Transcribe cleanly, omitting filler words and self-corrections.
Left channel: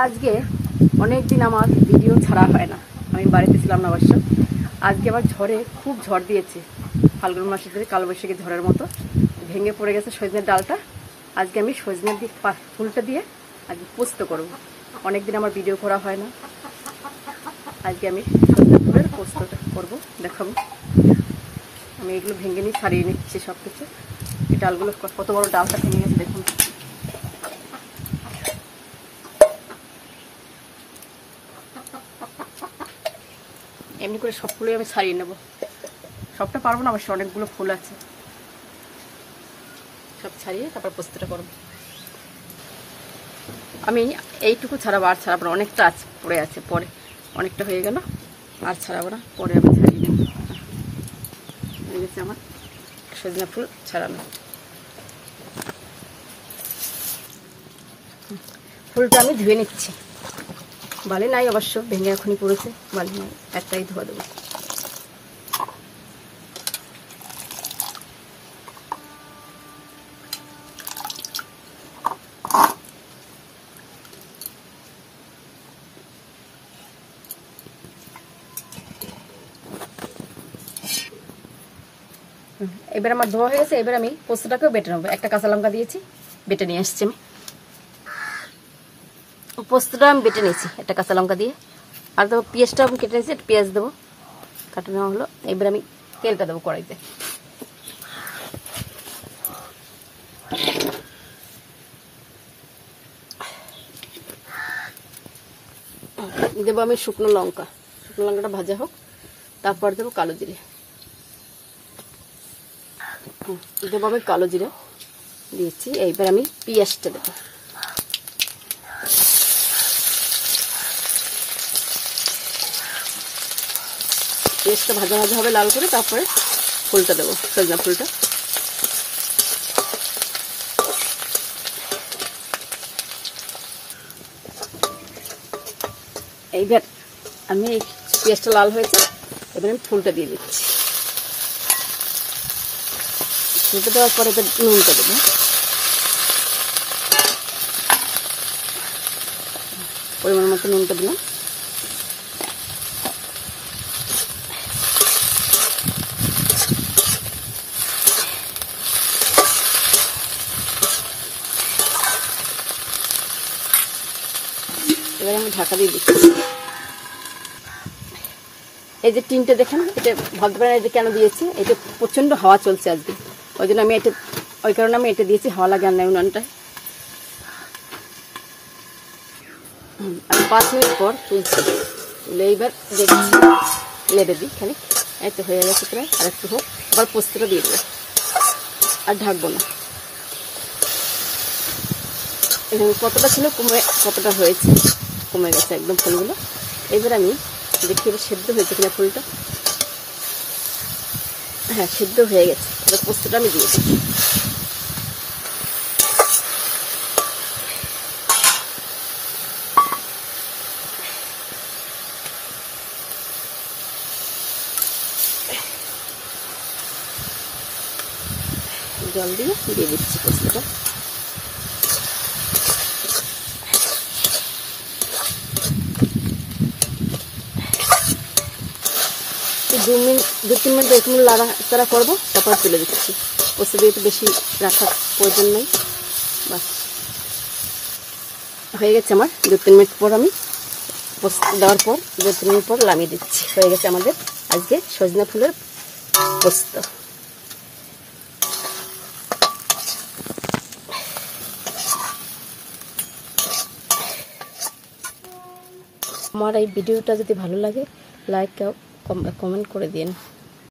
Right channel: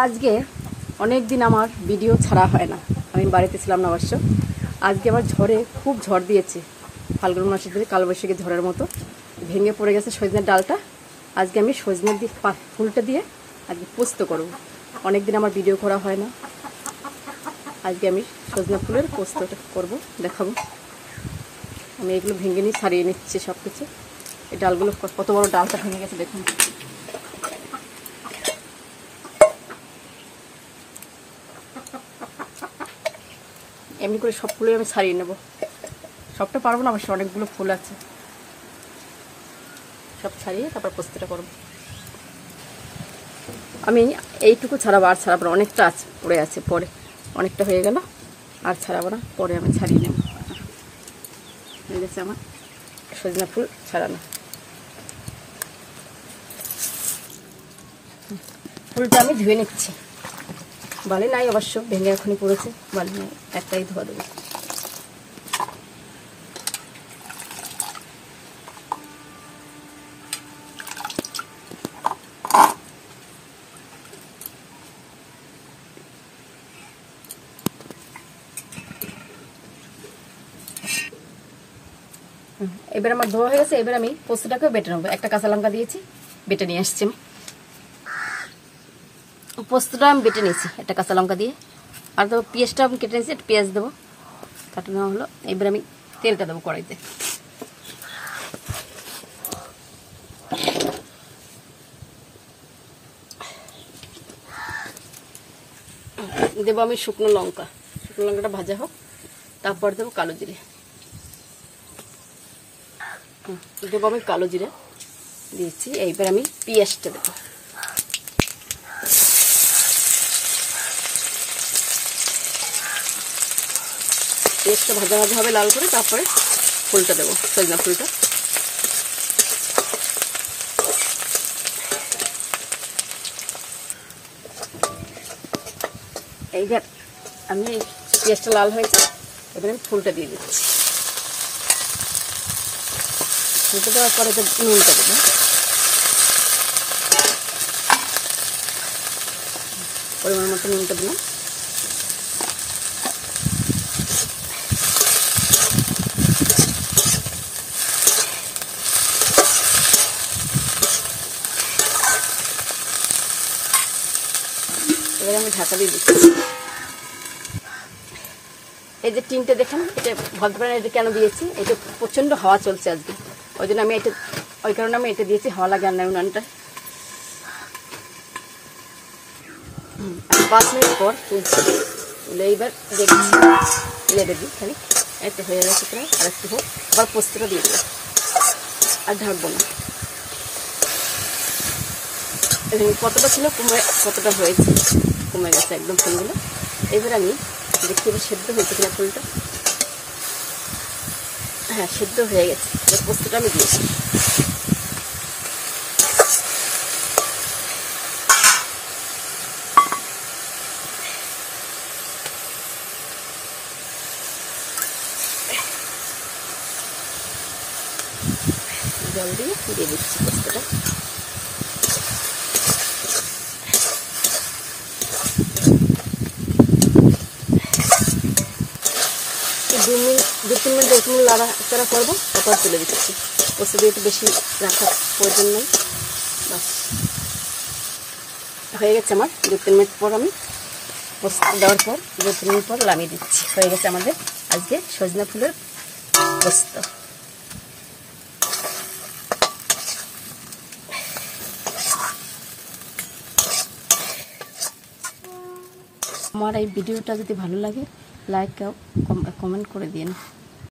আজকে অনেক দিন আমার ভিডিও ছাড়া হয় না, আমি বাড়িতে ছিলাম না অবশ্য। আজকে আবার ঝড়ে খুব ঝড় দিয়েছে, ফাল্গুন মাসের ধরে কালবৈশাখী ঝড়ের মতো ভেঙে পড়ে গেছে সজনের ডালটা। আজকে আমি সজনের ফুলটা দিয়ে আজকে পোস্ত করব। অনেকদিন আমার ভিডিও করা হয় না, আজকে আমি সজনের ফুলের পোস্তটা করবো, দেখাবো। আমি এগুলো ভেঙে নিয়ে ছাড়িয়ে নিচ্ছি সব কিছু। এই ডালগুলো কত বড় ডালটা ভেঙে গেছে দেখুন। এমনি করে সব ফুলই আমি ছাড়িয়ে নেব, সবটা পারবো না অবশ্য, অনেকগুলো ফুল আছে। সব ছাড়িয়ে তারপর পোস্তটা করব। আমি এইটুকু ছাড়াবো, আর ছাড়াবো না, অনেকটা আছে পড়ে আছে, পরে অনেকটা হয়ে গেল, আর ছাড়াবো না, পরে আমি ছাড়িয়ে নেব। হয়ে গেছে আমার সজনা ফুল ছাড়ানো। ফুলটা আমি ধুয়ে নিচ্ছি, বালি নাই অবশ্য, ভেঙে এখনই পড়েছে, বালি নাই, একটাই ধোয়া দেবো। এবার আমার ধোয়া হয়ে গেছে, এবার আমি পোস্তটাকেও বেটে নেবো। একটা কাঁচা লঙ্কা দিয়েছি, বেটে নিয়ে আসছি। পোস্তটা আমি বেটে নিয়েছি একটা কাঁচা লঙ্কা দিয়ে, আর দেবো পেঁয়াজটাও আমি কেটে নিয়েছি, পেঁয়াজ দেবো, কাটে নেওয়া হলো। এবার আমি তেলটা দেবো কড়াইতে, দেবো আমি শুকনো লঙ্কাটা ভাজা হোক, তারপর দেবো কালো জিরে, দেবো আমি কালো জিরে দিয়েছি। এইবার আমি পেঁয়াজটা দেবো, পেঁয়াজটা ভাজা ভাজা হবে লাল করে, তারপরে ফুলটা দেবো, সজনা ফুলটা। এইবার আমি এই পেঁয়াজটা লাল হয়েছে, এবার আমি ফুলটা দিয়ে দিচ্ছি। ফুলটা দেওয়ার পরে নুনটা দেবো, পরিমাণ মতো নুনটা দিলাম। এবার আমি ঢাকা দিয়ে দিচ্ছি। এই যে টিনটা দেখেন, এটা ভদ্রবেলা এটা কেন দিয়েছি, এটা প্রচন্ড হাওয়া চলছে আজকে, ওই জন্য আমি ওই কারণে আমি এটা দিয়েছি, হাওয়া লাগে না উনানটা। 5 মিনিট পর এইবার দেখছি, লেটে দিই খালি, একটা হয়ে গেছে প্রায়, আর একটু হোক, আবার পোস্তটা দিয়ে দেবো, আর ঢাকবো না। কতটা ছিল কতটা হয়েছে, কমে গেছে একদম ফুলগুলো। এবার আমি দেখি সেদ্ধ হয়েছে কিনা ফুলটা। হ্যাঁ, সেদ্ধ হয়ে গেছে। এবার পোস্তটা আমি দিয়েছি, জল দিয়ে দিচ্ছি পোস্তটা। 2-3 মিনিট একটু লাড়াচাড়া করবো, তারপর তুলে দিচ্ছি। পোস্ত দিয়ে একটু বেশি রাখার প্রয়োজন নেই, বাস হয়ে গেছে আমার। 2-3 মিনিট পর আমি পোস্ত দেওয়ার পর 2-3 মিনিট পর নামিয়ে দিচ্ছি। হয়ে গেছে আমাদের আজকে সজনা ফুলের পোস্ত। আমার এই ভিডিওটা যদি ভালো লাগে, লাইক আর কমেন্ট করে দিন।